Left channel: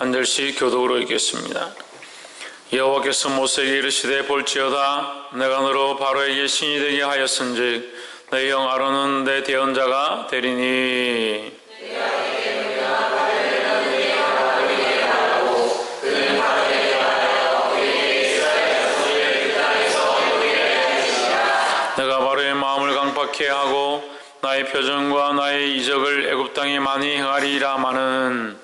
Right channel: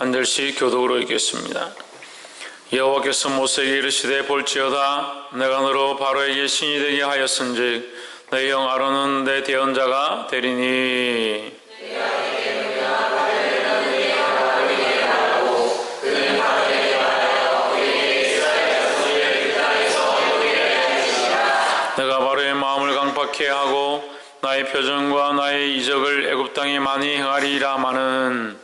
한 절씩 교독으로 읽겠습니다. 여호와께서 모세에게 이르시되 볼지어다 내가 너로 바로에게 신이 되게 하였은즉 내 형 아론은 내 대언자가 되리니 내가 바로의 마음을 강팍케 하고 나의 표정과 나의 이적을 애굽 땅에 많이 행하리라 마는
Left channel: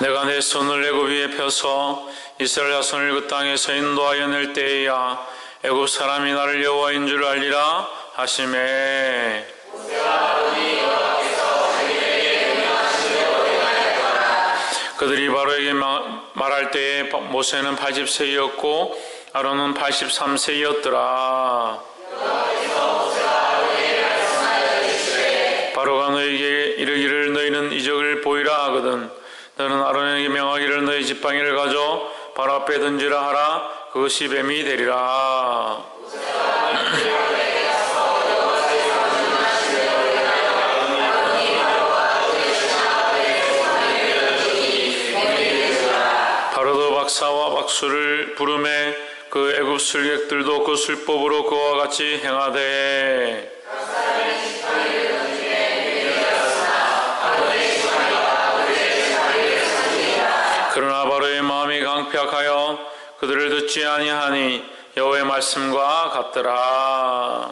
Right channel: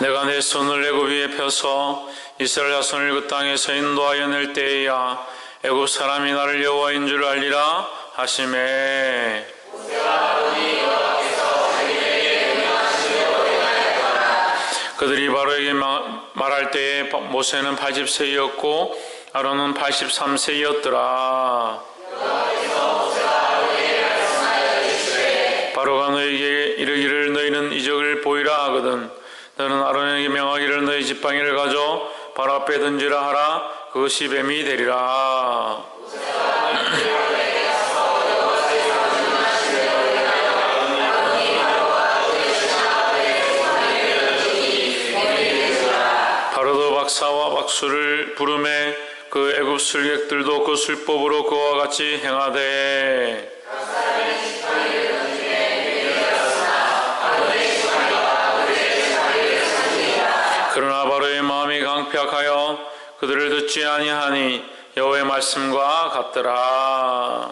내가 내 손을 애굽 위에 펴서 이스라엘 자손을 그 땅에서 인도하여 낼 때에야 애굽 사람이 나를 여호와인 줄 알리라 하시매 그들이 바로에게 말할 때에 모세는 80세였고 아론은 83세였더라. 바로가 너에게 이르기를 너희는 이적을 보이라 하거든 너는 아론에게 명하기를 너희 지팡이를 가져 바로 앞에 던지라 하라 그것이 뱀이 되리라. 바로도 박사와 박수를 부르매 그 애굽 술객들도 그 술법으로 그와 같이 행하되 그러나 바로의 마음이 강팍하여 그들을 듣지 아니하니 여호와의 말씀과 같더라.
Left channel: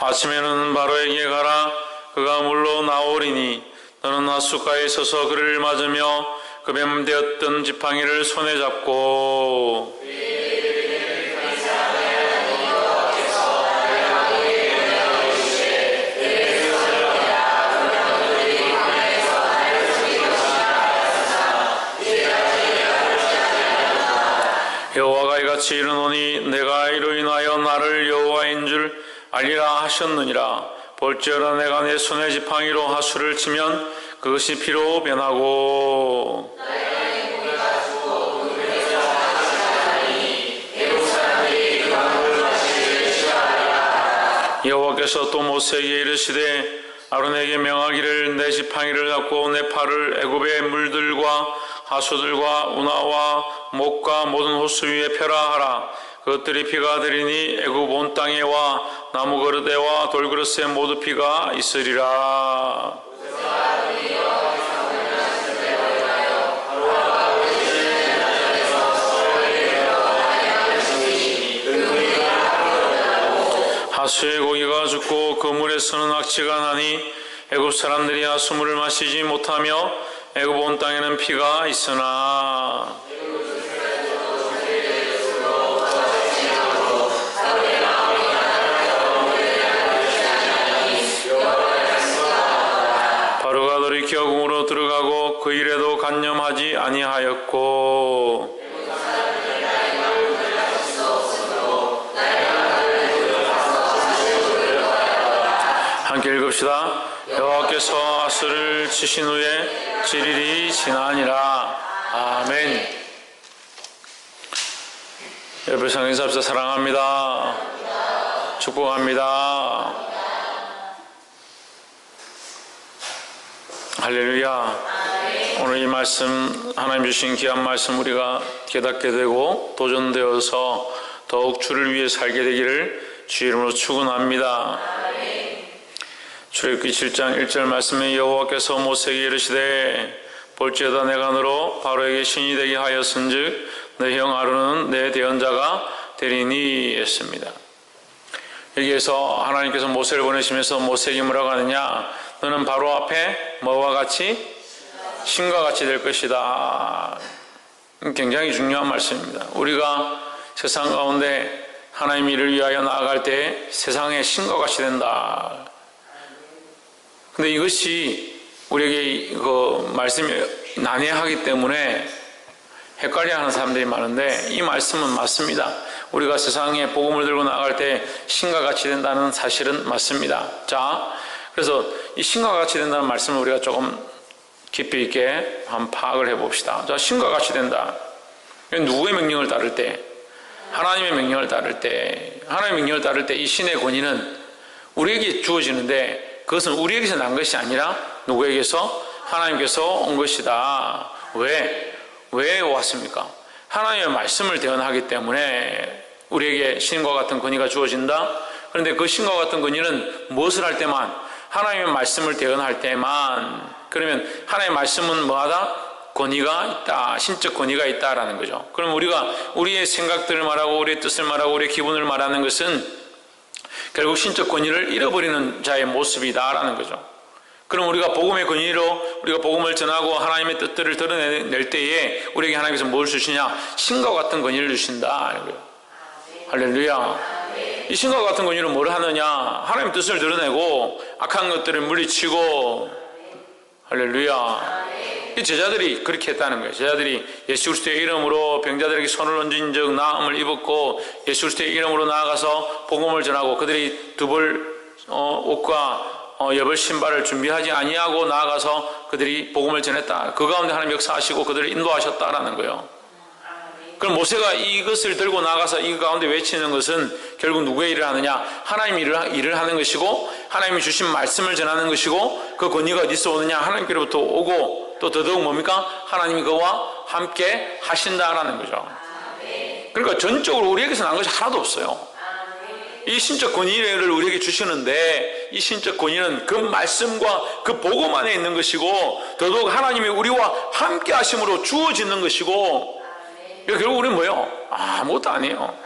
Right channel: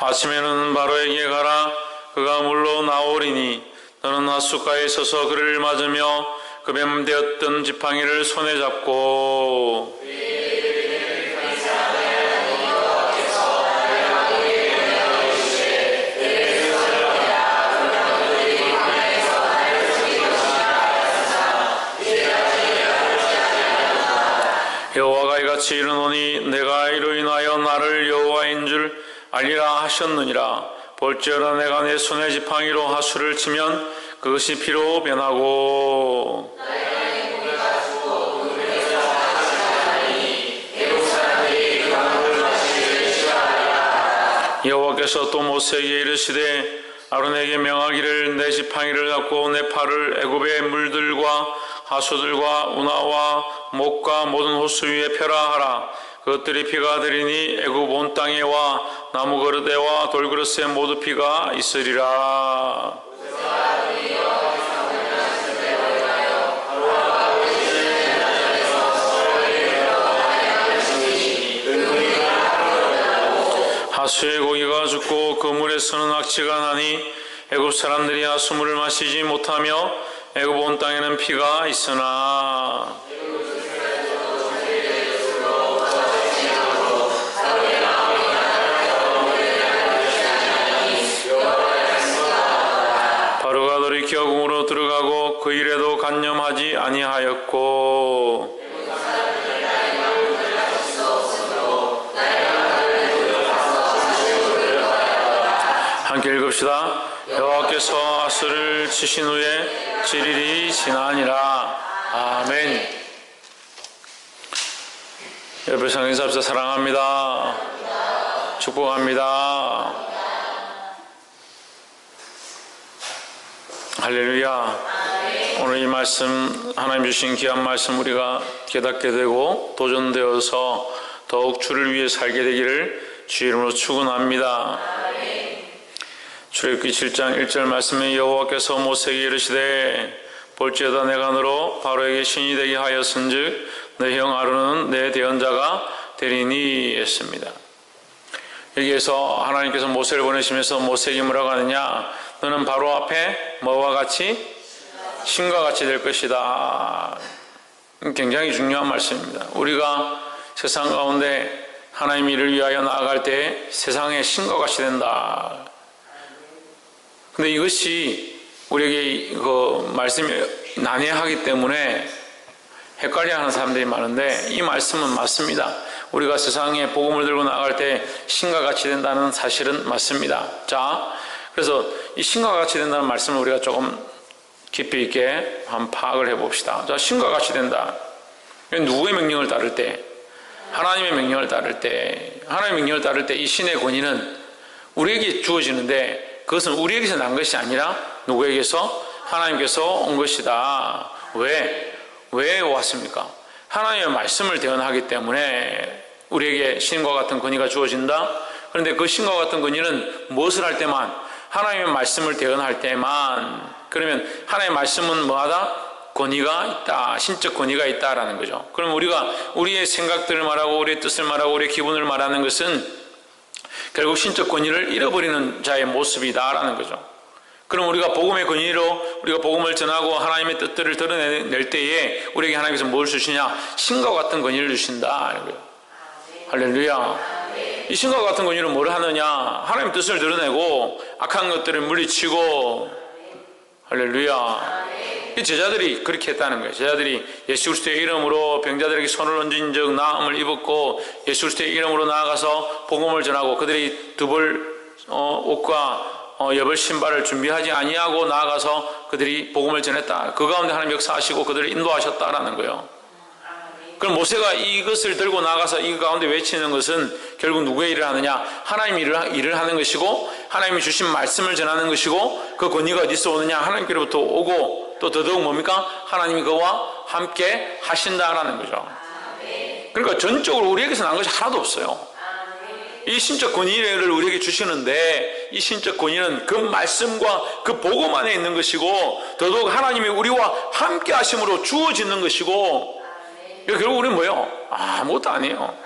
아침에는 바로에게 가라 그가 물로 나오리니 너는 하숫가에 서서 그를 맞으며 그 뱀 되었던 지팡이를 손에 잡고 여호와가 이같이 이르노니 내가 이로 인하여 나를 여호와인 줄 알리라 하셨느니라. 볼지어다 내가 내 손에 지팡이로 하수를 치면 그것이 피로 변하고 여호와께서 또 모세에게 이르시되 아론에게 명하기를 내 지팡이를 잡고 내 팔을 애굽의 물들과 하수들과 운하와 목과 모든 호수 위에 펴라 하라. 그것들이 피가 되리니 애굽 온 땅에와 나무 그릇에와 돌그릇에 모두 피가 있으리라. 하수의 고기가 죽고 그 물에서는 악취가 나니 애굽 사람들이 하수물을 마시지 못하며 애굽 온 땅에는 피가 있으나 바로가 돌이켜 궁으로 들어가고 그 일에도 간념하지 아니하였고 함께 읽읍시다. 여호와께서 아스를 치신 후에 7일이 지나니라. 아멘. 옆에 성인사합시다. 사랑합니다. 축복합니다. 할렐루야. 오늘 이 말씀 하나님 주신 귀한 말씀 우리가 깨닫게 되고 도전되어서 더욱 주를 위해 살게 되기를 주 이름으로 축원합니다. 출애굽기 7장 1절 말씀에 여호와께서 모세에게 이르시되 볼지어다 내가 너로 바로에게 신이 되게 하였은즉 내 형 아론은 내 대언자가 되리니 했습니다. 여기에서 하나님께서 모세를 보내시면서 모세에게 뭐라고 하느냐, 너는 바로 앞에 뭐와 같이? 신과 같이 될 것이다. 굉장히 중요한 말씀입니다. 우리가 세상 가운데 하나님 일을 위하여 나아갈 때 세상의 신과 같이 된다. 근데 이것이 우리에게 그 말씀이 난해하기 때문에 헷갈려하는 사람들이 많은데 이 말씀은 맞습니다. 우리가 세상에 복음을 들고 나갈 때 신과 같이 된다는 사실은 맞습니다. 자, 그래서 이 신과 같이 된다는 말씀을 우리가 조금 깊이 있게 한번 파악을 해봅시다. 자, 신과 같이 된다. 누구의 명령을 따를 때? 하나님의 명령을 따를 때. 하나님의 명령을 따를 때 이 신의 권위는 우리에게 주어지는데 그것은 우리에게서 난 것이 아니라 누구에게서? 하나님께서 온 것이다. 왜 왔습니까? 하나님의 말씀을 대언하기 때문에 우리에게 신과 같은 권위가 주어진다. 그런데 그 신과 같은 권위는 무엇을 할 때만? 하나님의 말씀을 대언할 때만. 그러면 하나님의 말씀은 뭐하다? 권위가 있다. 신적 권위가 있다라는 거죠. 그럼 우리가 우리의 생각들을 말하고 우리의 뜻을 말하고 우리의 기분을 말하는 것은 결국 신적 권위를 잃어버리는 자의 모습이다라는 거죠. 그럼 우리가 복음의 권위로 우리가 복음을 전하고 하나님의 뜻들을 드러낼 때에 우리에게 하나님께서 뭘 주시냐? 신과 같은 권위를 주신다. 할렐루야. 이 신과 같은 권위는 뭘 하느냐? 하나님의 뜻을 드러내고 악한 것들을 물리치고, 할렐루야. 이 제자들이 그렇게 했다는 거예요. 제자들이 예수 그리스도의 이름으로 병자들에게 손을 얹은 적 나음을 입었고 예수 그리스도의 이름으로 나아가서 복음을 전하고 그들이 두벌 옷과 여벌 신발을 준비하지 아니하고 나아가서 그들이 복음을 전했다. 그 가운데 하나님 역사하시고 그들을 인도하셨다라는 거예요. 그럼 모세가 이것을 들고 나가서 이 가운데 외치는 것은 결국 누구의 일을 하느냐? 하나님의 일을 하는 것이고 하나님이 주신 말씀을 전하는 것이고 그 권위가 어디서 오느냐? 하나님께로부터 오고 또 더더욱 뭡니까? 하나님이 그와 함께 하신다라는 거죠. 그러니까 전적으로 우리에게서 난 것이 하나도 없어요. 이 신적 권위를 우리에게 주시는데 이 신적 권위는 그 말씀과 그 복음 안에 있는 것이고 더더욱 하나님이 우리와 함께 하심으로 주어지는 것이고 결국 우리는 뭐예요? 아무것도 아니에요.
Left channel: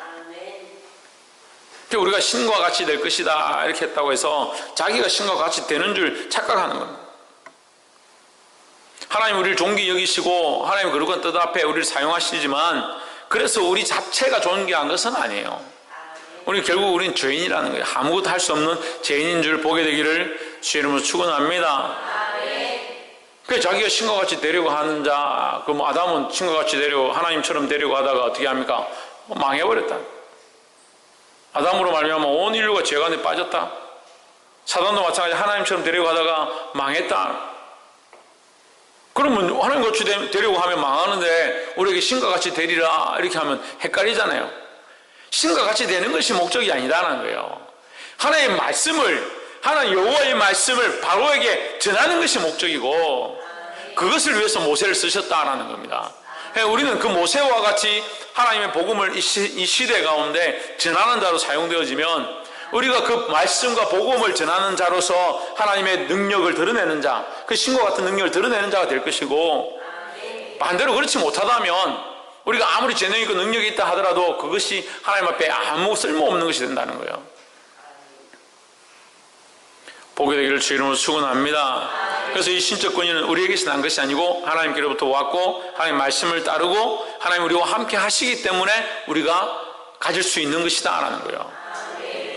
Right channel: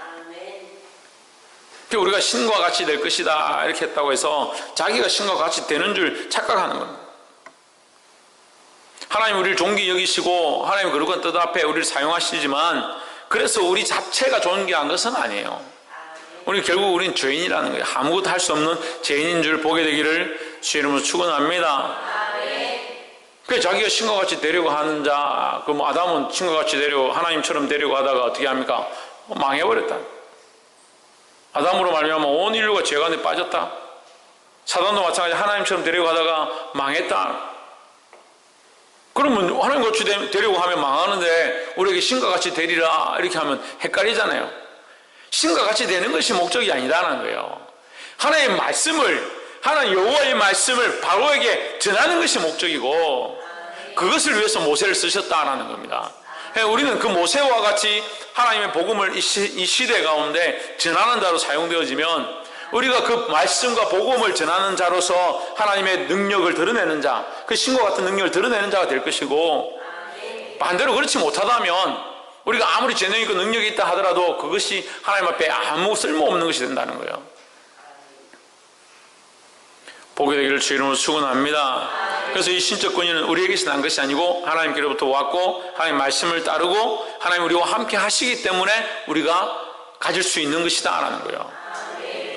우리가 신과 같이 될 것이다 이렇게 했다고 해서 자기가 신과 같이 되는 줄 착각하는 겁니다. 하나님 우리를 존귀 여기시고 하나님 거룩한 뜻 앞에 우리를 사용하시지만 그래서 우리 자체가 존귀한 것은 아니에요. 결국 우리는 죄인이라는 거예요. 아무것도 할 수 없는 죄인인 줄 보게 되기를 주의 이름으로 축원합니다. 그래서 자기가 신과 같이 되려고 하는 자, 그럼 아담은 신과 같이 되려고 하나님처럼 되려고 하다가 어떻게 합니까? 망해버렸다. 아담으로 말미암아 온 인류가 죄 가운데 빠졌다. 사단도 마찬가지 하나님처럼 되려고 하다가 망했다. 그러면 하나님 같이 되려고 하면 망하는데 우리에게 신과 같이 되리라 이렇게 하면 헷갈리잖아요. 신과 같이 되는 것이 목적이 아니라는 거예요. 하나님의 말씀을 하나님 여호와의 말씀을 바로에게 전하는 것이 목적이고 그것을 위해서 모세를 쓰셨다라는 겁니다. 우리는 그 모세와 같이 하나님의 복음을 이 시대 가운데 전하는 자로 사용되어지면 우리가 그 말씀과 복음을 전하는 자로서 하나님의 능력을 드러내는 자, 그 신과 같은 능력을 드러내는 자가 될 것이고 반대로 그렇지 못하다면 우리가 아무리 재능 있고 능력이 있다 하더라도 그것이 하나님 앞에 아무 쓸모없는 것이 된다는 거예요. 보게 되기를 주의 이름으로 축원합니다. 그래서 이 신적 권위는 우리에게서 난 것이 아니고 하나님께로부터 왔고 하나님 말씀을 따르고 하나님 우리와 함께 하시기 때문에 우리가 가질 수 있는 것이다 라는 거예요.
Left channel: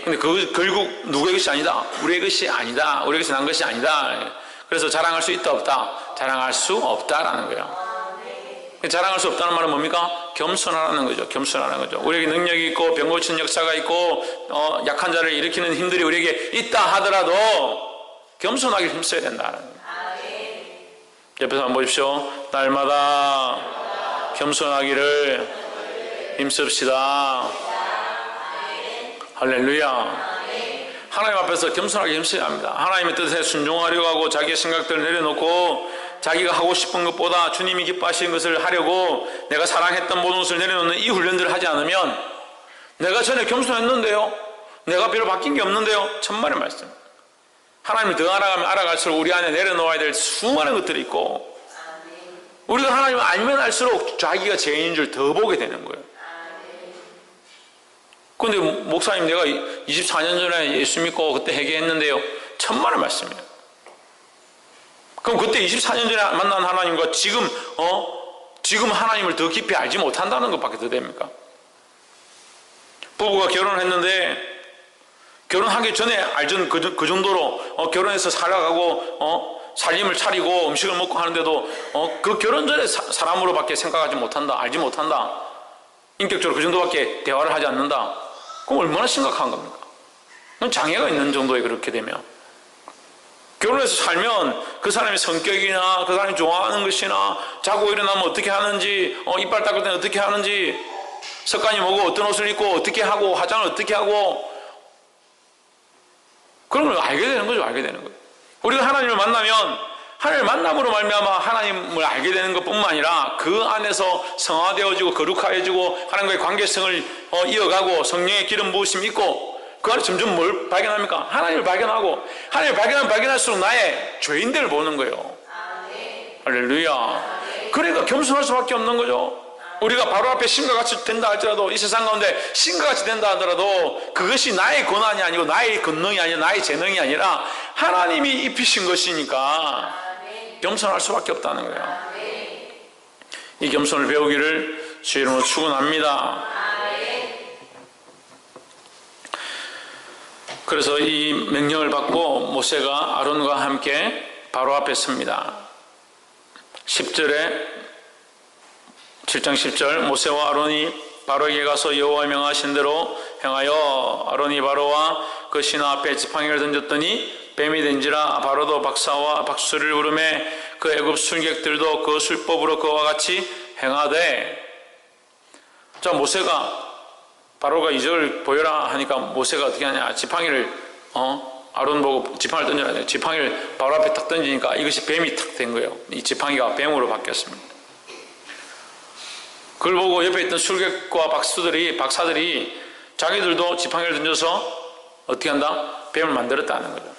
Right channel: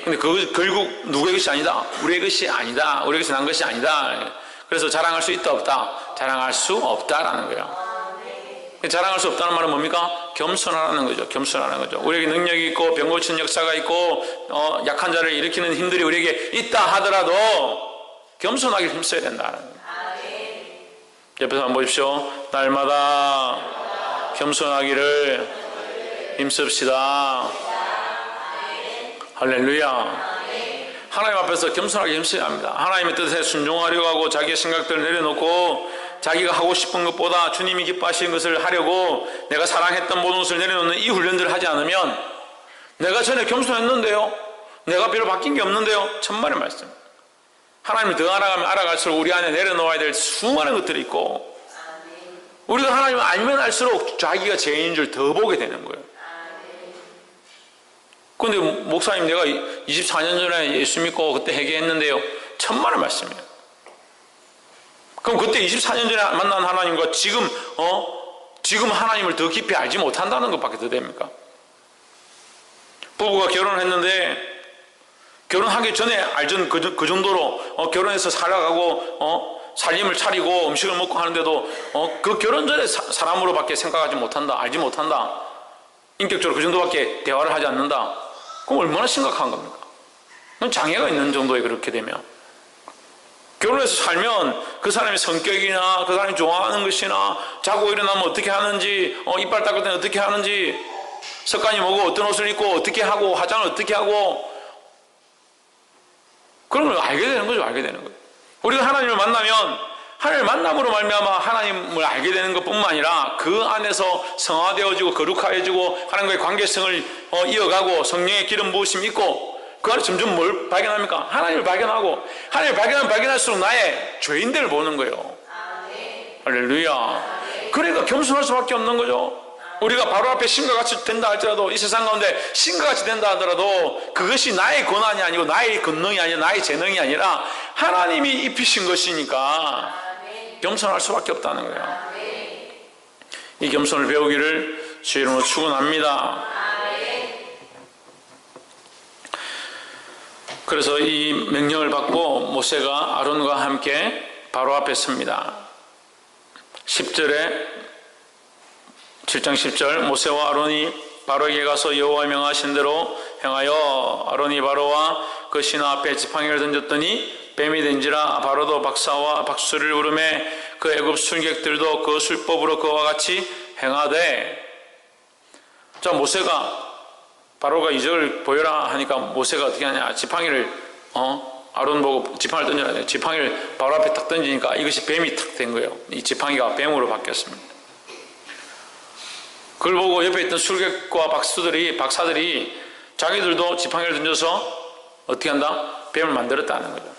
근데 그것이 결국 누구의 것이 아니다. 우리의 것이 아니다. 우리에게서 난 것이 아니다. 그래서 자랑할 수 있다 없다. 자랑할 수 없다라는 거예요. 자랑할 수 없다는 말은 뭡니까? 겸손하라는 거죠. 겸손하라는 거죠. 우리에게 능력이 있고 병 고치는 역사가 있고 약한 자를 일으키는 힘들이 우리에게 있다 하더라도 겸손하게 힘써야 된다는 거예요. 옆에서 한번 보십시오. 날마다 겸손하기를 힘씁시다. 할렐루야. 하나님 앞에서 겸손하게 힘써야 합니다. 하나님의 뜻에 순종하려고 하고 자기의 생각들을 내려놓고 자기가 하고 싶은 것보다 주님이 기뻐하시는 것을 하려고 내가 사랑했던 모든 것을 내려놓는 이 훈련들을 하지 않으면 내가 전에 겸손했는데요, 내가 별로 바뀐 게 없는데요, 천만의 말씀. 하나님을 더 알아가면 알아갈수록 우리 안에 내려놓아야 될 수많은 것들이 있고 우리가 하나님을 알면 알수록 자기가 죄인인 줄 더 보게 되는 거예요. 그런데 목사님 내가 24년 전에 예수 믿고 그때 회개했는데요, 천만의 말씀이에요. 그럼 그때 24년 전에 만난 하나님과 지금 하나님을 더 깊이 알지 못한다는 것밖에 더 됩니까? 부부가 결혼했는데 결혼하기 전에 알던 그 정도로 결혼해서 살아가고 살림을 차리고 음식을 먹고 하는데도 그 결혼 전에 사람으로밖에 생각하지 못한다, 알지 못한다, 인격적으로 그 정도밖에 대화를 하지 않는다. 그럼 얼마나 심각한 겁니까? 장애가 있는 정도에 그렇게 되면 결혼해서 살면 그 사람의 성격이나 그 사람이 좋아하는 것이나 자고 일어나면 어떻게 하는지, 이빨 닦을 때는 어떻게 하는지, 습관이 뭐고 어떤 옷을 입고 어떻게 하고 화장을 어떻게 하고, 그런 걸 알게 되는 거죠. 알게 되는 거예요. 우리가 하나님을 만나면 하나님을 만남으로 말미암아 하나님을 알게 되는 것뿐만 아니라 그 안에서 성화되어지고 거룩하여지고 하나님과의 관계성을 이어가고 성령의 기름 부으심이 있고, 그 안에 점점 뭘 발견합니까? 하나님을 발견하고, 하나님을 발견하면 발견할수록 나의 죄인들을 보는 거예요. 할렐루야. 그러니까 겸손할 수밖에 없는 거죠. 우리가 바로 앞에 신과 같이 된다 할지라도, 이 세상 가운데 신과 같이 된다 하더라도 그것이 나의 권한이 아니고 나의 권능이 아니라 나의 재능이 아니라 하나님이 입히신 것이니까 겸손할 수밖에 없다는 거예요. 이 겸손을 배우기를 주의 이름으로 축원합니다. 그래서 이 명령을 받고 모세가 아론과 함께 바로 앞에 섭니다. 7장 10절, 모세와 아론이 바로에게 가서 여호와 명하신 대로 행하여 아론이 바로와 그 신하 앞에 지팡이를 던졌더니 뱀이 된지라. 바로도 박사와 박수를 부르매 그 애굽 술객들도 그 술법으로 그와 같이 행하되. 자, 모세가 바로가 이적을 보여라 하니까 모세가 어떻게 하냐, 지팡이를 아론 보고 지팡이를 던져라. 지팡이를 바로 앞에 탁 던지니까 이것이 뱀이 탁 된 거예요. 이 지팡이가 뱀으로 바뀌었습니다. 그걸 보고 옆에 있던 술객과 박사들이 자기들도 지팡이를 던져서 어떻게 한다? 뱀을 만들었다는 거죠.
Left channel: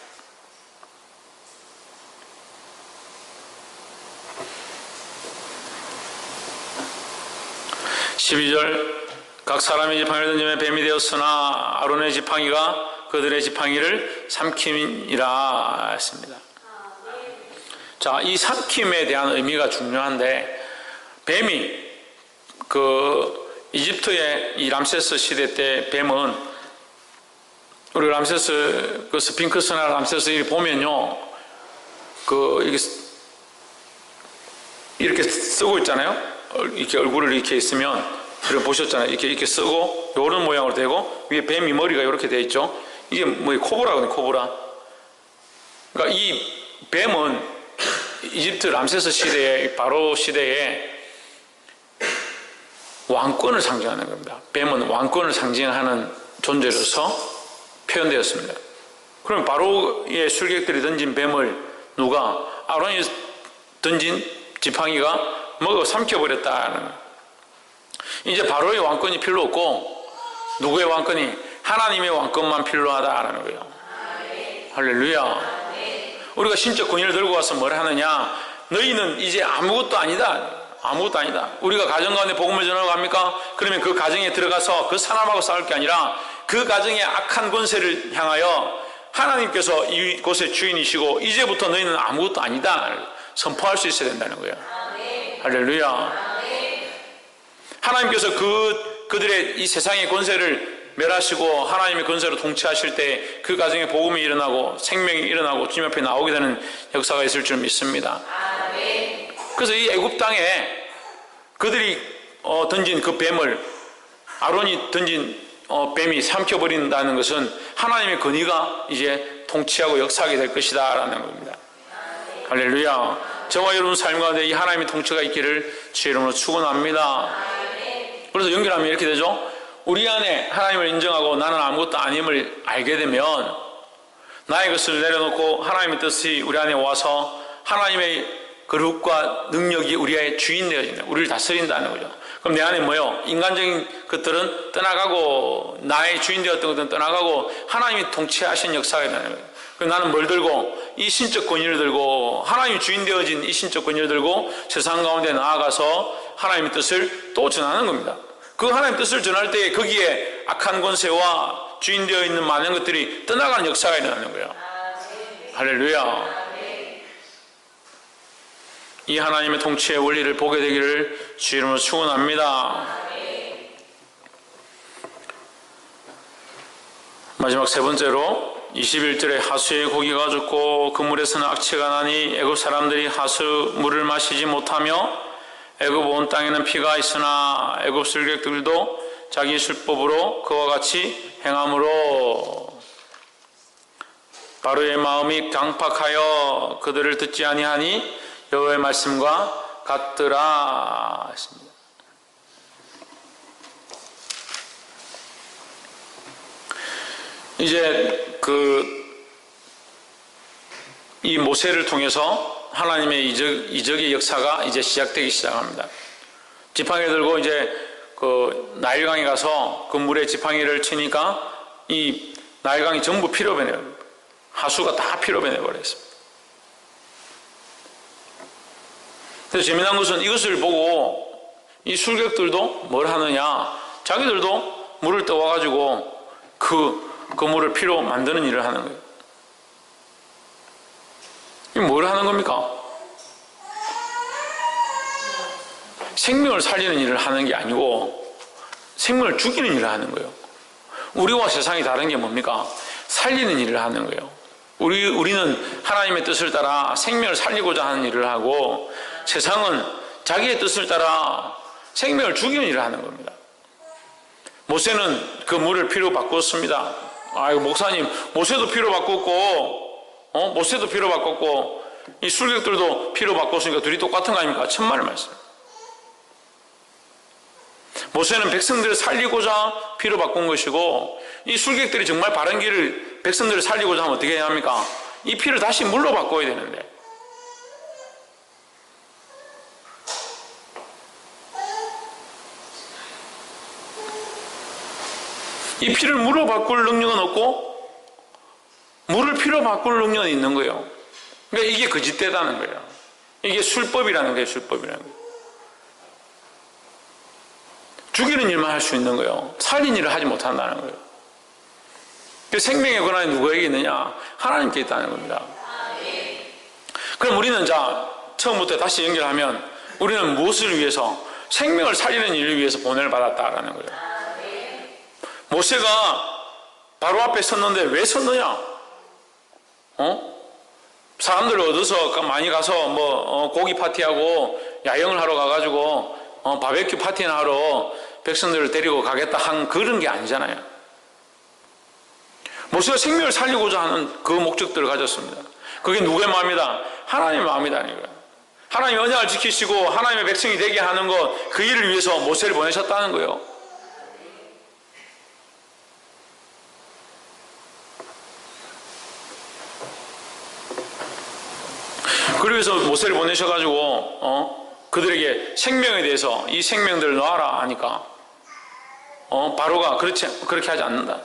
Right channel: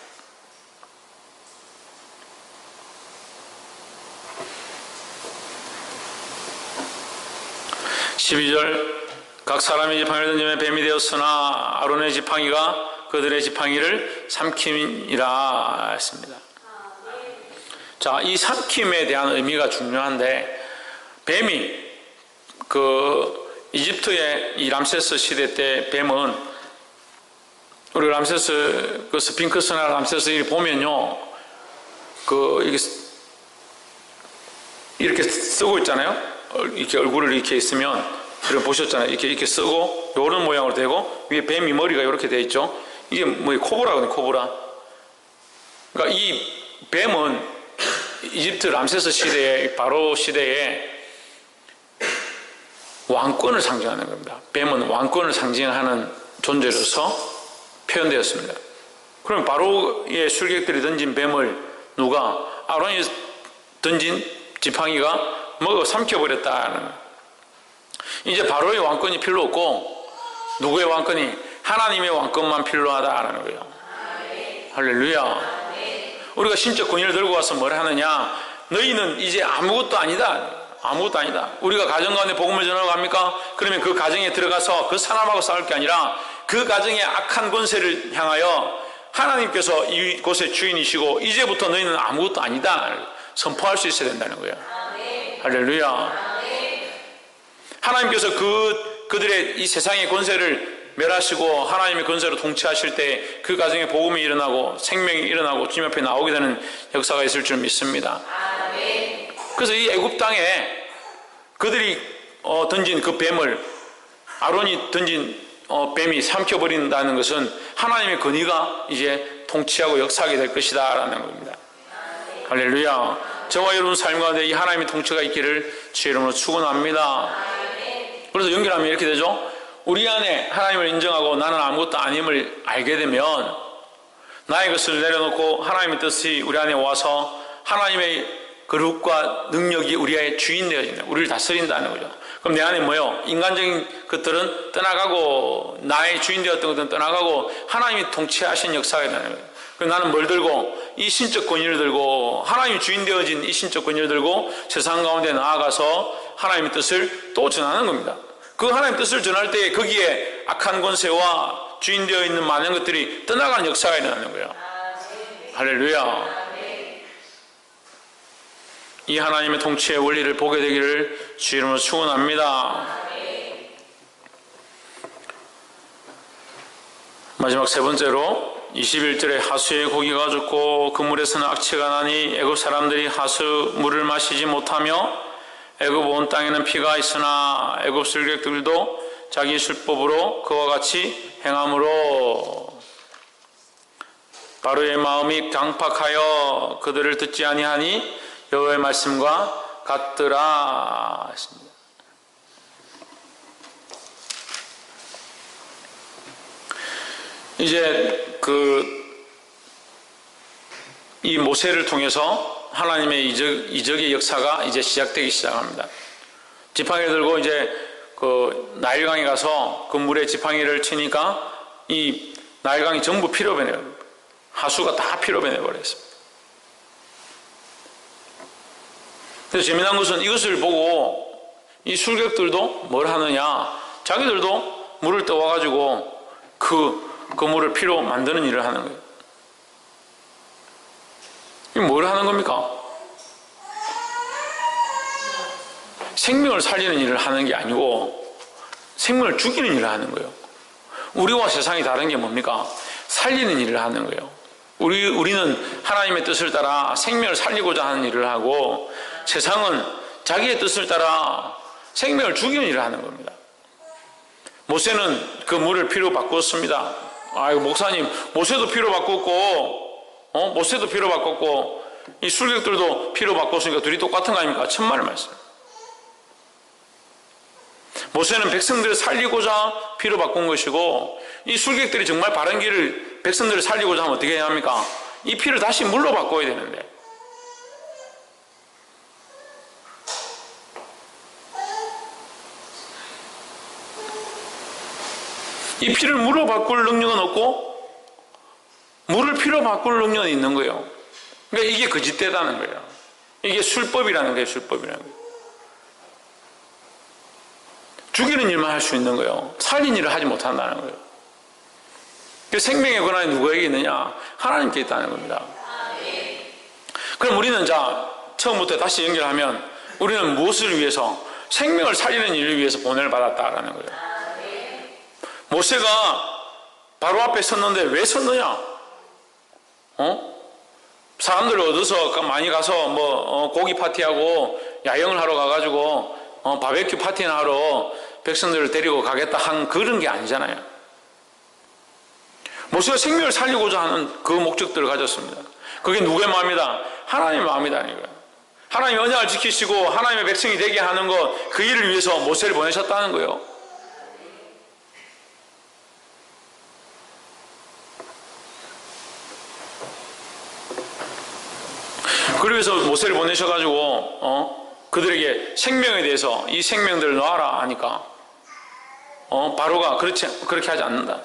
(12절) 각 사람이 지팡이를 던지며 뱀이 되었으나 아론의 지팡이가 그들의 지팡이를 삼킴이라 했습니다. 자, 이 삼킴에 대한 의미가 중요한데, 뱀이 이집트의 이 람세스 시대 때 뱀은, 우리 람세스 스핑크스나 람세스 보면요, 이렇게 쓰고 있잖아요. 이렇게 얼굴을 이렇게 있으면, 그래 보셨잖아요. 이렇게 쓰고 요런 모양으로 되고 위에 뱀이 머리가 이렇게 돼 있죠. 이게 코브라거든요. 코브라. 그러니까 이 뱀은 이집트 람세스 시대에, 바로 시대에 왕권을 상징하는 겁니다. 뱀은 왕권을 상징하는 존재로서 표현되었습니다. 그럼 바로의 술객들이 던진 뱀을 누가, 아론이 던진 지팡이가 먹어 삼켜버렸다는 거예요. 이제 바로의 왕권이 필요 없고 누구의 왕권이? 하나님의 왕권만 필요하다라는 거예요. 할렐루야. 우리가 신적 권위를 들고 와서 뭘 하느냐? 너희는 이제 아무것도 아니다. 아무것도 아니다. 우리가 가정 가운데 복음을 전하러 갑니까? 그러면 그 가정에 들어가서 그 사람하고 싸울 게 아니라 그 가정의 악한 권세를 향하여 하나님께서 이곳의 주인이시고 이제부터 너희는 아무것도 아니다 선포할 수 있어야 된다는 거예요. 할렐루야. 하나님께서 그들의 이 세상의 권세를 멸하시고 하나님의 권세로 통치하실 때 그 가정에 복음이 일어나고 생명이 일어나고 주님 앞에 나오게 되는 역사가 있을 줄 믿습니다. 그래서 이 애굽 땅에 그들이 던진 그 뱀을, 아론이 던진 뱀이 삼켜버린다는 것은 하나님의 권위가 이제 통치하고 역사하게 될 것이다 라는 겁니다. 할렐루야. 저와 여러분 삶 가운데 이 하나님의 통치가 있기를 주의 이름으로 축원합니다. 그래서 연결하면 이렇게 되죠. 우리 안에 하나님을 인정하고 나는 아무것도 아님을 알게 되면 나의 것을 내려놓고 하나님의 뜻이 우리 안에 와서 하나님의 거룩과 능력이 우리의 주인 되어진다. 우리를 다스린다는 거죠. 그럼 내 안에 뭐요? 인간적인 것들은 떠나가고 나의 주인 되었던 것들은 떠나가고 하나님이 통치하신 역사가 되는 거예요. 그럼 나는 뭘 들고? 이 신적 권위를 들고 하나님이 주인 되어진 이 신적 권위를 들고 세상 가운데 나아가서 하나님의 뜻을 또 전하는 겁니다. 그 하나님의 뜻을 전할 때 거기에 악한 권세와 주인 되어 있는 많은 것들이 떠나가는 역사가 일어나는 거예요. 할렐루야. 이 하나님의 통치의 원리를 보게 되기를 주의 이름으로 축원합니다. 마지막 세 번째로 21절에 하수의 고기가 죽고 그물에서는 악취가 나니 애굽 사람들이 하수 물을 마시지 못하며 애굽 온 땅에는 피가 있으나 애굽 술객들도 자기 술법으로 그와 같이 행함으로. 바로의 마음이 강팍하여 그들을 듣지 아니하니 여호와의 말씀과 같더라 했습니다. 이제 이 모세를 통해서 하나님의 이적의 역사가 이제 시작되기 시작합니다. 지팡이를 들고 이제 나일강에 가서 그 물에 지팡이를 치니까 이 나일강이 전부 피로 변해요. 하수가 다 피로 변해버렸습니다. 그래서 재미난 것은 이것을 보고 이 술객들도 뭘 하느냐, 자기들도 물을 떠와가지고 그 물을 피로 만드는 일을 하는 거예요. 이게 뭘 하는 겁니까? 생명을 살리는 일을 하는 게 아니고 생명을 죽이는 일을 하는 거예요. 우리와 세상이 다른 게 뭡니까? 살리는 일을 하는 거예요. 우리는 하나님의 뜻을 따라 생명을 살리고자 하는 일을 하고, 세상은 자기의 뜻을 따라 생명을 죽이는 일을 하는 겁니다. 모세는 그 물을 피로 바꿨습니다. 아이고, 목사님, 모세도 피로 바꿨고, 모세도 피로 바꿨고, 이 술객들도 피로 바꿨으니까 둘이 똑같은 거 아닙니까? 천만의 말씀. 모세는 백성들을 살리고자 피로 바꾼 것이고, 이 술객들이 정말 바른 길을, 백성들을 살리고자 하면 어떻게 해야 합니까? 이 피를 다시 물로 바꿔야 되는데, 이 피를 물로 바꿀 능력은 없고 물을 피로 바꿀 능력은 있는 거예요. 그러니까 이게 거짓되다는 거예요. 이게 술법이라는 거예요. 술법이라는 거예요. 죽이는 일만 할 수 있는 거예요. 살린 일을 하지 못한다는 거예요. 그 생명의 권한이 누구에게 있느냐? 하나님께 있다는 겁니다. 그럼 우리는 처음부터 다시 연결하면 우리는 무엇을 위해서? 생명을 살리는 일을 위해서 보냄을 받았다라는 거예요. 모세가 바로 앞에 섰는데 왜 섰느냐? 사람들을 얻어서 많이 가서 고기 파티하고 야영을 하러 가가지고 바베큐 파티나 하러 백성들을 데리고 가겠다 한 그런 게 아니잖아요. 모세가 생명을 살리고자 하는 그 목적들을 가졌습니다. 그게 누구의 마음이다? 하나님의 마음이다는 거예요. 하나님의 언약을 지키시고 하나님의 백성이 되게 하는 것, 그 일을 위해서 모세를 보내셨다는 거예요. 그래서 모세를 보내셔가지고 그들에게 생명에 대해서 이 생명들을 놔라 하니까 바로가 그렇게 하지 않는다.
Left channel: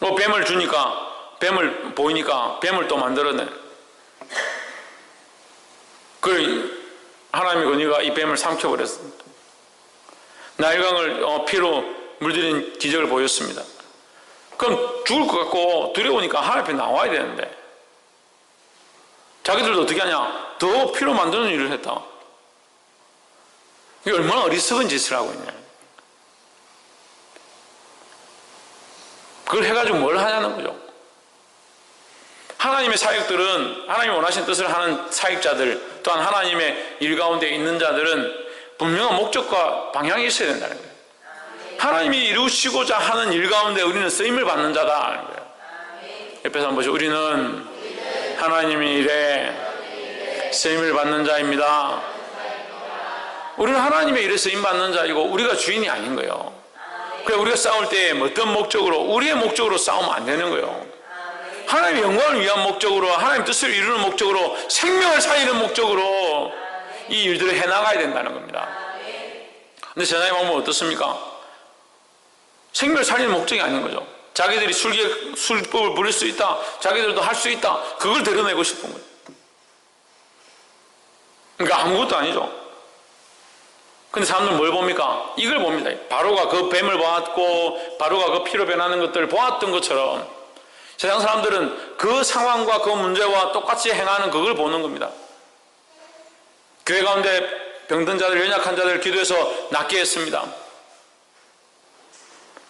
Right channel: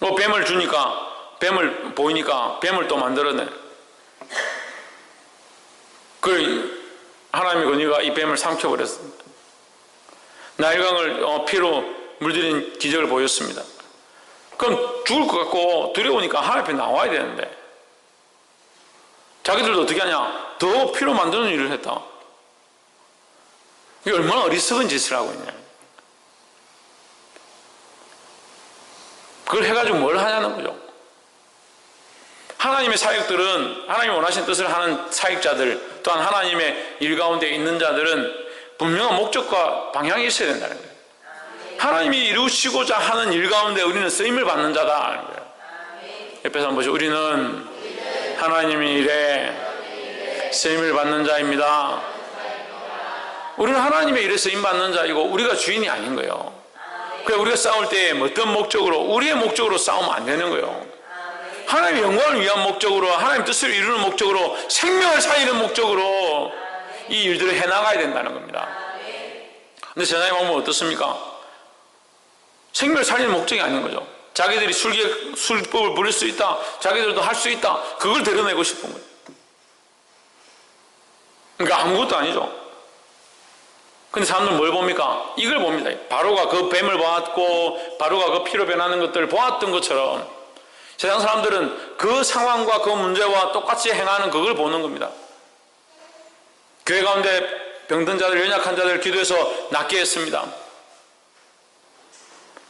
뱀을 주니까, 뱀을 보이니까 뱀을 또 만들어내. 하나님의 권위가 이 뱀을 삼켜버렸습니다. 나일강을 피로 물들인 기적을 보였습니다. 그럼 죽을 것 같고 두려우니까 하나님 앞에 나와야 되는데 자기들도 어떻게 하냐? 더 피로 만드는 일을 했다. 이게 얼마나 어리석은 짓을 하고 있냐. 그걸 해가지고 뭘 하냐는 거죠. 하나님의 사역들은, 하나님이 원하신 뜻을 하는 사역자들, 또한 하나님의 일 가운데 있는 자들은 분명한 목적과 방향이 있어야 된다는 거예요. 하나님이 이루시고자 하는 일 가운데 우리는 쓰임을 받는 자다라는 거예요. 옆에서 한번 보시죠. 우리는 하나님의 일에 쓰임을 받는 자입니다. 우리는 하나님의 일에 쓰임 받는 자이고 우리가 주인이 아닌 거예요. 그래서 우리가 싸울 때 어떤 목적으로, 우리의 목적으로 싸우면 안 되는 거예요. 하나님의 영광을 위한 목적으로, 하나님의 뜻을 이루는 목적으로, 생명을 살리는 목적으로 이 일들을 해나가야 된다는 겁니다. 근데 세상에 보면 어떻습니까? 생명을 살리는 목적이 아닌 거죠. 자기들이 술법을 부릴 수 있다, 자기들도 할 수 있다, 그걸 드러내고 싶은 거예요. 그러니까 아무것도 아니죠. 근데 사람들은 뭘 봅니까? 이걸 봅니다. 바로가 그 뱀을 보았고 바로가 그 피로 변하는 것들을 보았던 것처럼 세상 사람들은 그 상황과 그 문제와 똑같이 행하는 그걸 보는 겁니다. 교회 가운데 병든 자들, 연약한 자들 기도해서 낫게 했습니다.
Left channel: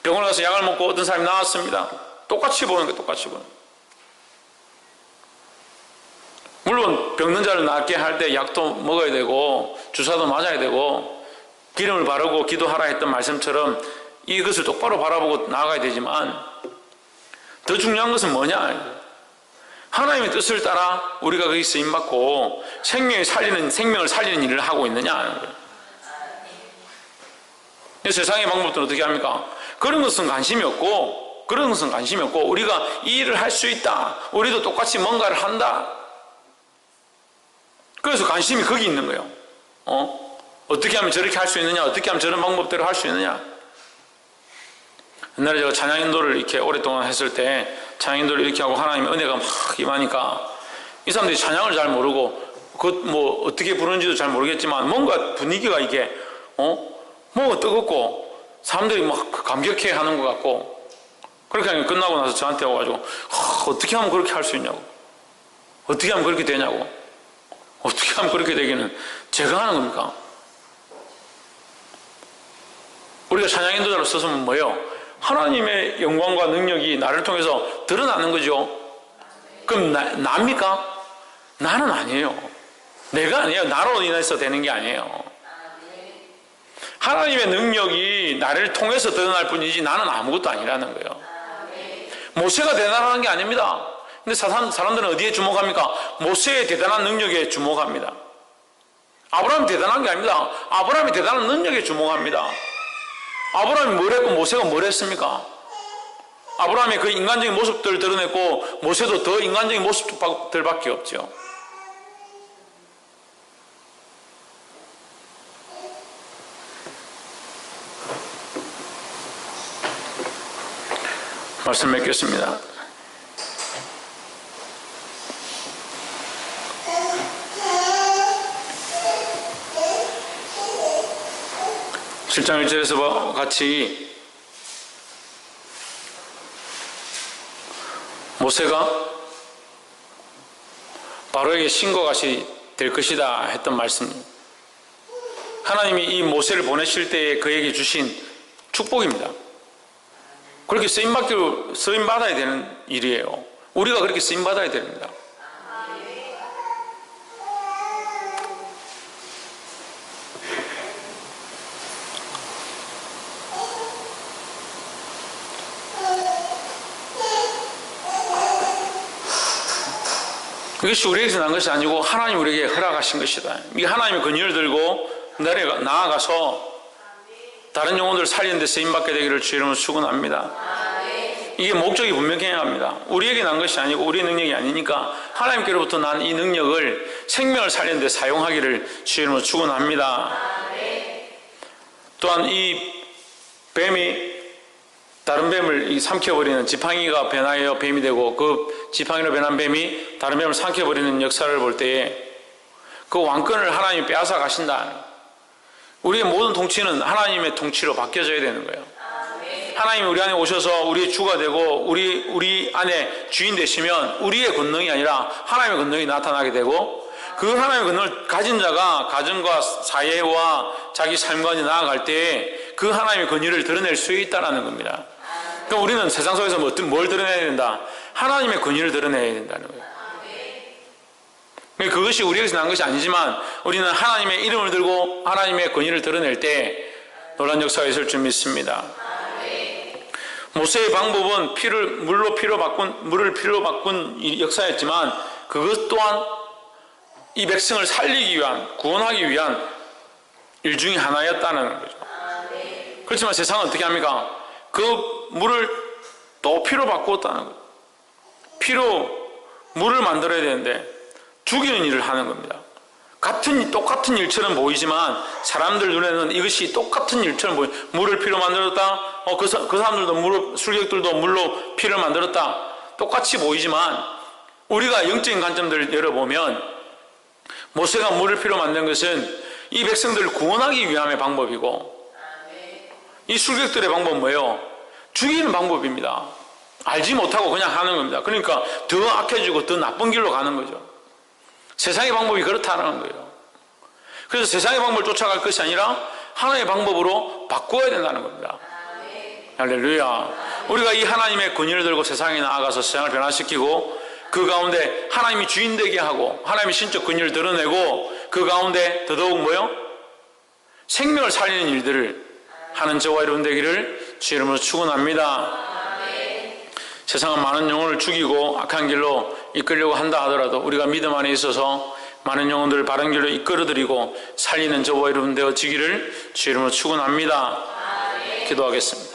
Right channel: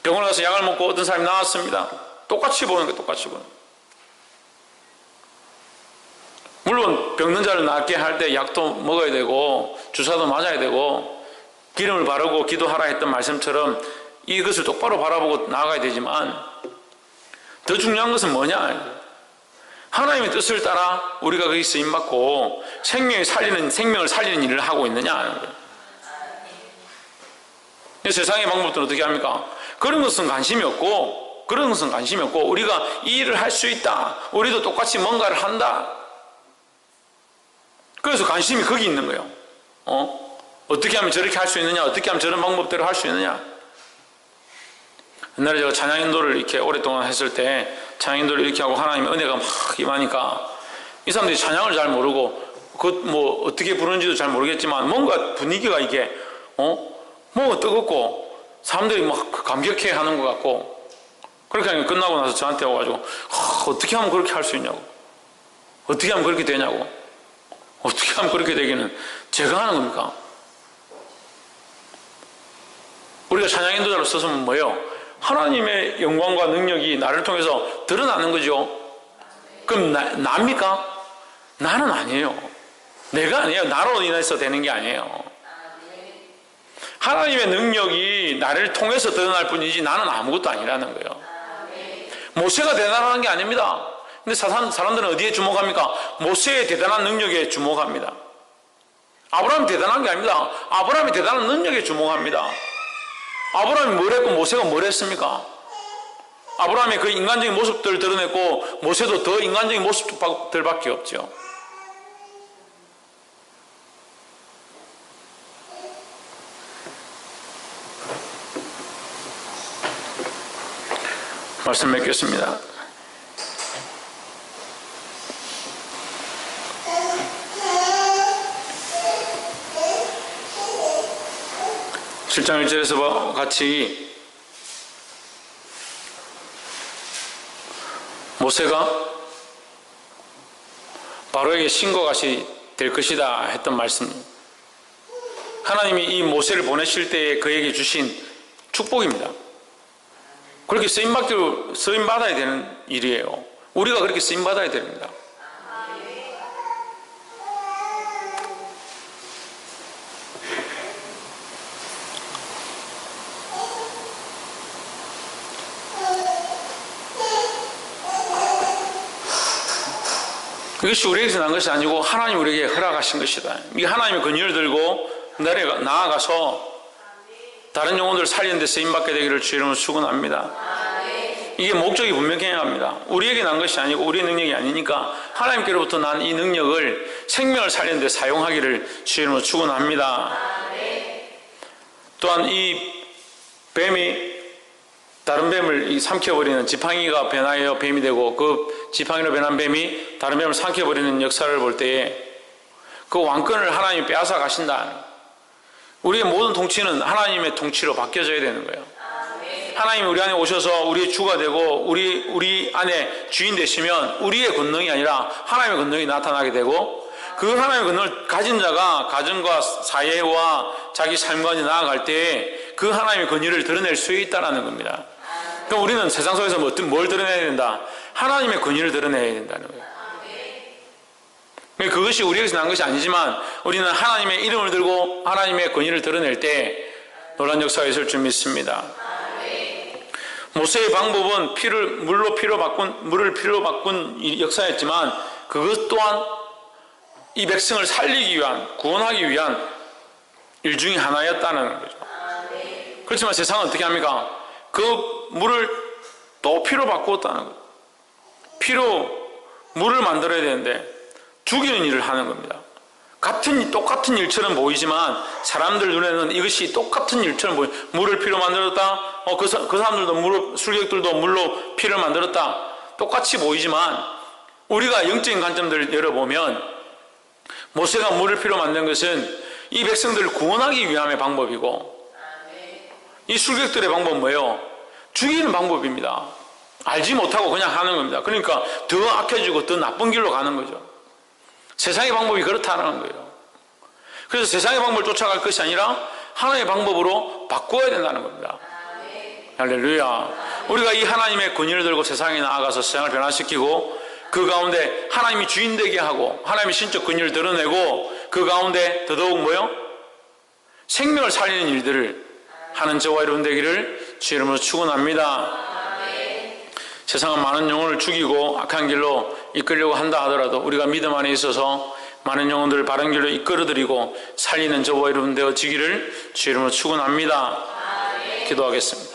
병원에 가서 약을 먹고 어떤 사람이 나왔습니다. 똑같이 보는 거예요. 똑같이 보는 거예요. 물론 병든 자를 낫게 할 때 약도 먹어야 되고 주사도 맞아야 되고 기름을 바르고 기도하라 했던 말씀처럼 이것을 똑바로 바라보고 나아가야 되지만 더 중요한 것은 뭐냐? 하나님의 뜻을 따라 우리가 거기 쓰임받고 생명을 살리는 일을 하고 있느냐 하는 거예요. 세상의 방법들은 어떻게 합니까? 그런 것은 관심이 없고 우리가 이 일을 할 수 있다. 우리도 똑같이 뭔가를 한다. 그래서 관심이 거기 있는 거예요. 어떻게 하면 저렇게 할 수 있느냐? 어떻게 하면 저런 방법대로 할 수 있느냐? 옛날에 제가 찬양 인도를 이렇게 오랫동안 했을 때 찬양 인도를 이렇게 하고 하나님의 은혜가 막 임하니까 이 사람들이 찬양을 잘 모르고 뭐 어떻게 부르는지도 잘 모르겠지만 뭔가 분위기가 이게 뭐 뜨겁고 사람들이 막 감격해 하는 것 같고 그렇게 하면 끝나고 나서 저한테 와가지고 어떻게 하면 그렇게 할 수 있냐고, 어떻게 하면 그렇게 되냐고, 어떻게 하면 그렇게 되기는 제가 하는 겁니까? 우리가 찬양 인도자로 서서면 뭐예요? 하나님의 영광과 능력이 나를 통해서 드러나는 거죠. 그럼 나입니까? 나는 아니에요. 내가 아니에요. 나로 인해서 되는 게 아니에요. 하나님의 능력이 나를 통해서 드러날 뿐이지 나는 아무것도 아니라는 거예요. 모세가 대단한 게 아닙니다. 근데 사람들은 어디에 주목합니까? 모세의 대단한 능력에 주목합니다. 아브라함이 대단한 게 아닙니다. 아브라함이 대단한 능력에 주목합니다. 아브라함이 뭘 했고 모세가 뭘 했습니까? 아브라함이 그 인간적인 모습들을 드러냈고 모세도 더 인간적인 모습들밖에 없죠. 말씀 맺겠습니다. (7장 1절에서) 같이 모세가 바로에게 신과 같이 될 것이다 했던 말씀, 하나님이 이 모세를 보내실 때에 그에게 주신 축복입니다. 그렇게 쓰임받아야 되는 일이에요. 우리가 그렇게 쓰임받아야 됩니다. 이것이 우리에게서 난 것이 아니고 하나님 우리에게 허락하신 것이다. 이 하나님의 권위를 들고 나아가서 다른 영혼들을 살리는 데 쓰임받게 되기를 주의 이름으로 축원합니다. 이게 목적이 분명해야 우리에게 난 것이 아니고 우리의 능력이 아니니까 하나님께로부터 난 이 능력을 생명을 살리는 데 사용하기를 주의 이름으로 축원합니다. 또한 이 뱀이 다른 뱀을 삼켜버리는, 지팡이가 변하여 뱀이 되고 그 지팡이로 변한 뱀이 다른 뱀을 삼켜버리는 역사를 볼 때에 그 왕권을 하나님이 빼앗아 가신다. 우리의 모든 통치는 하나님의 통치로 바뀌어져야 되는 거예요. 하나님이 우리 안에 오셔서 우리의 주가 되고 우리 안에 주인 되시면 우리의 권능이 아니라 하나님의 권능이 나타나게 되고 그 하나님의 권능을 가진 자가 가정과 사회와 자기 삶과 나아갈 때에 그 하나님의 권위를 드러낼 수 있다는 겁니다. 그러니까 우리는 세상 속에서 뭘 드러내야 된다? 하나님의 권위를 드러내야 된다는 거예요. 그것이 우리에게서 난 것이 아니지만 우리는 하나님의 이름을 들고 하나님의 권위를 드러낼 때 놀라운 역사가 있을 줄 믿습니다. 모세의 방법은 물을 피로 바꾼 역사였지만 그것 또한 이 백성을 살리기 위한, 구원하기 위한 일 중에 하나였다는 거죠. 그렇지만 세상은 어떻게 합니까? 그 물을 또 피로 바꾸었다는 거예요. 물을 만들어야 되는데 죽이는 일을 하는 겁니다. 똑같은 일처럼 보이지만 사람들 눈에는 이것이 똑같은 일처럼 보여요. 물을 피로 만들었다. 그 사람들도 술객들도 물로 피를 만들었다. 똑같이 보이지만 우리가 영적인 관점들을 열어보면 모세가 물을 피로 만든 것은 이 백성들을 구원하기 위함의 방법이고 이 술객들의 방법은 뭐예요? 죽이는 방법입니다. 알지 못하고 그냥 하는 겁니다. 그러니까 더 악해지고 더 나쁜 길로 가는 거죠. 세상의 방법이 그렇다는 거예요. 그래서 세상의 방법을 쫓아갈 것이 아니라 하나님의 방법으로 바꾸어야 된다는 겁니다. 할렐루야. 우리가 이 하나님의 권위를 들고 세상에 나아가서 세상을 변화시키고 그 가운데 하나님이 주인 되게 하고 하나님의 신적 권위를 드러내고 그 가운데 더더욱 뭐요? 생명을 살리는 일들을 하는 저와 여러분 되기를 주의 이름으로 축원합니다. 세상은 많은 영혼을 죽이고 악한 길로 이끌려고 한다 하더라도 우리가 믿음 안에 있어서 많은 영혼들을 바른 길로 이끌어드리고 살리는 저와 여러분 되어지기를 주 이름으로 축원합니다. 기도하겠습니다.